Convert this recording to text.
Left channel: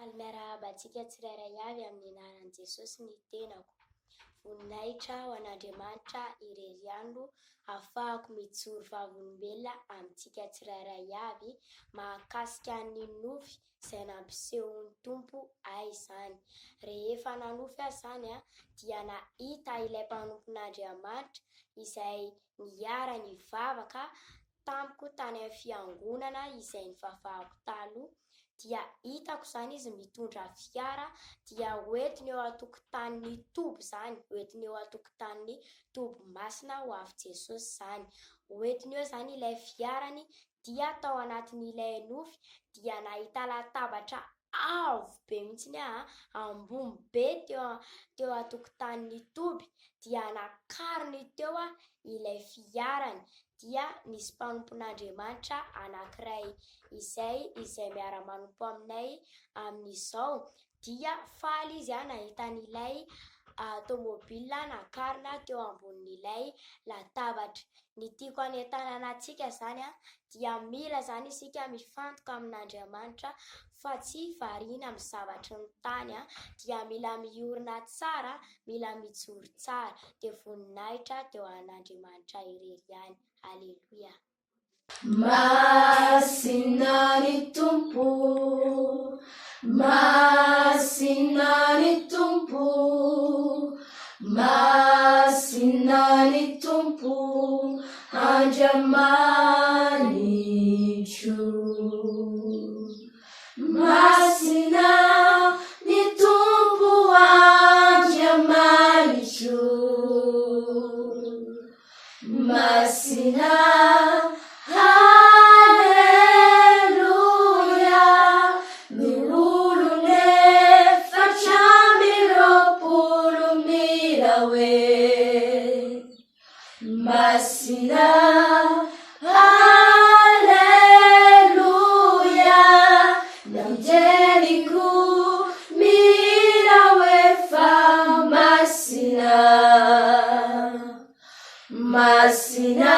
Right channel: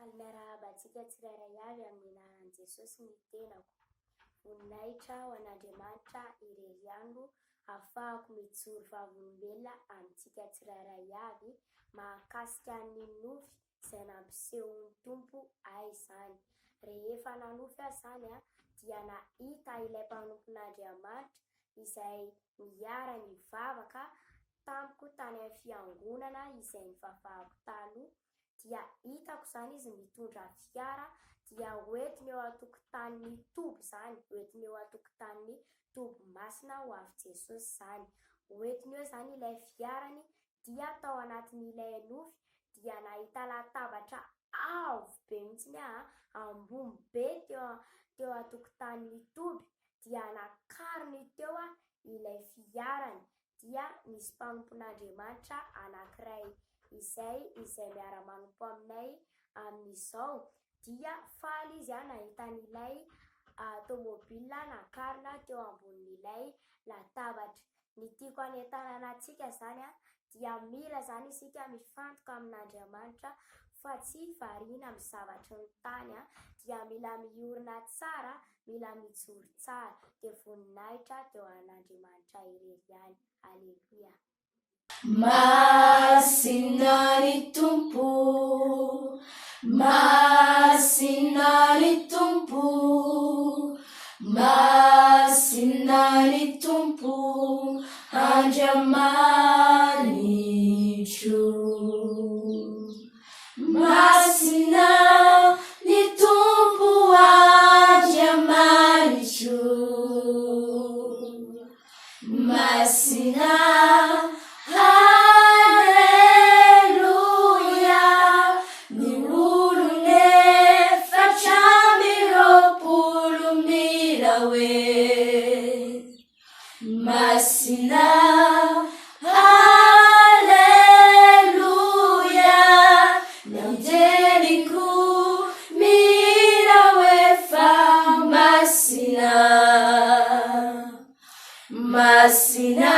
Faly miarahaba antsika tsirairay avy amin'ny anaran'i Jesosy ny tenako. Voninahitra ho an'Andriamanitra irery andro ahafahako mijoro vavolombelona amintsika tsirairay avy mahakasika ny nofy izay nampisehon'ny Tompo ahy izany. Rehefa nanofy ahy izany dia nahita ilay mpanompon'Andriamanitra izay niara nivavaka tamiko tany amin'ny fiangonana izay nivavahako taloha. Dia hitako izany izy mitondra fiara dia hoentiny eo an-tokotanin'ny Tobo izany, hoentiny eo an-tokotanin'ny Tobomasina ho avy Jesosy izany. Hoentiny eo izany ilay fiarany dia tao anatin'ilay nofy dia nahita latabatra avo be mihitsiny ambony be teo an-tokotanin'ny Toby dia nakariny teo ilay fiarany. Dia nisy mpanompon'Andriamanitra anankiray izay miara-manompo aminay amin'izao dia faly izy nahita an'ilay tômôbilina nakarina teo ambonin'ilay latabatra. Ny tiako hanentanana antsika izany dia mila izany isika mifantoka amin'Andriamanitra fa tsy variana amin'ny zavatry ny tany dia mila miorina tsara, mila mijoro tsara dia voninahitra teo an'Andriamanitra irery ihany. Aleluia. Masina ny Tompo, masina ny Tompo, masina ny Tompo, Andriamanitro. Masina ny Tompo, Andriamanitro. Masina, haleluia, nurune facciami rompolo mirawe. Masina, haleluia, nandeliku mirawe fa masina. Masina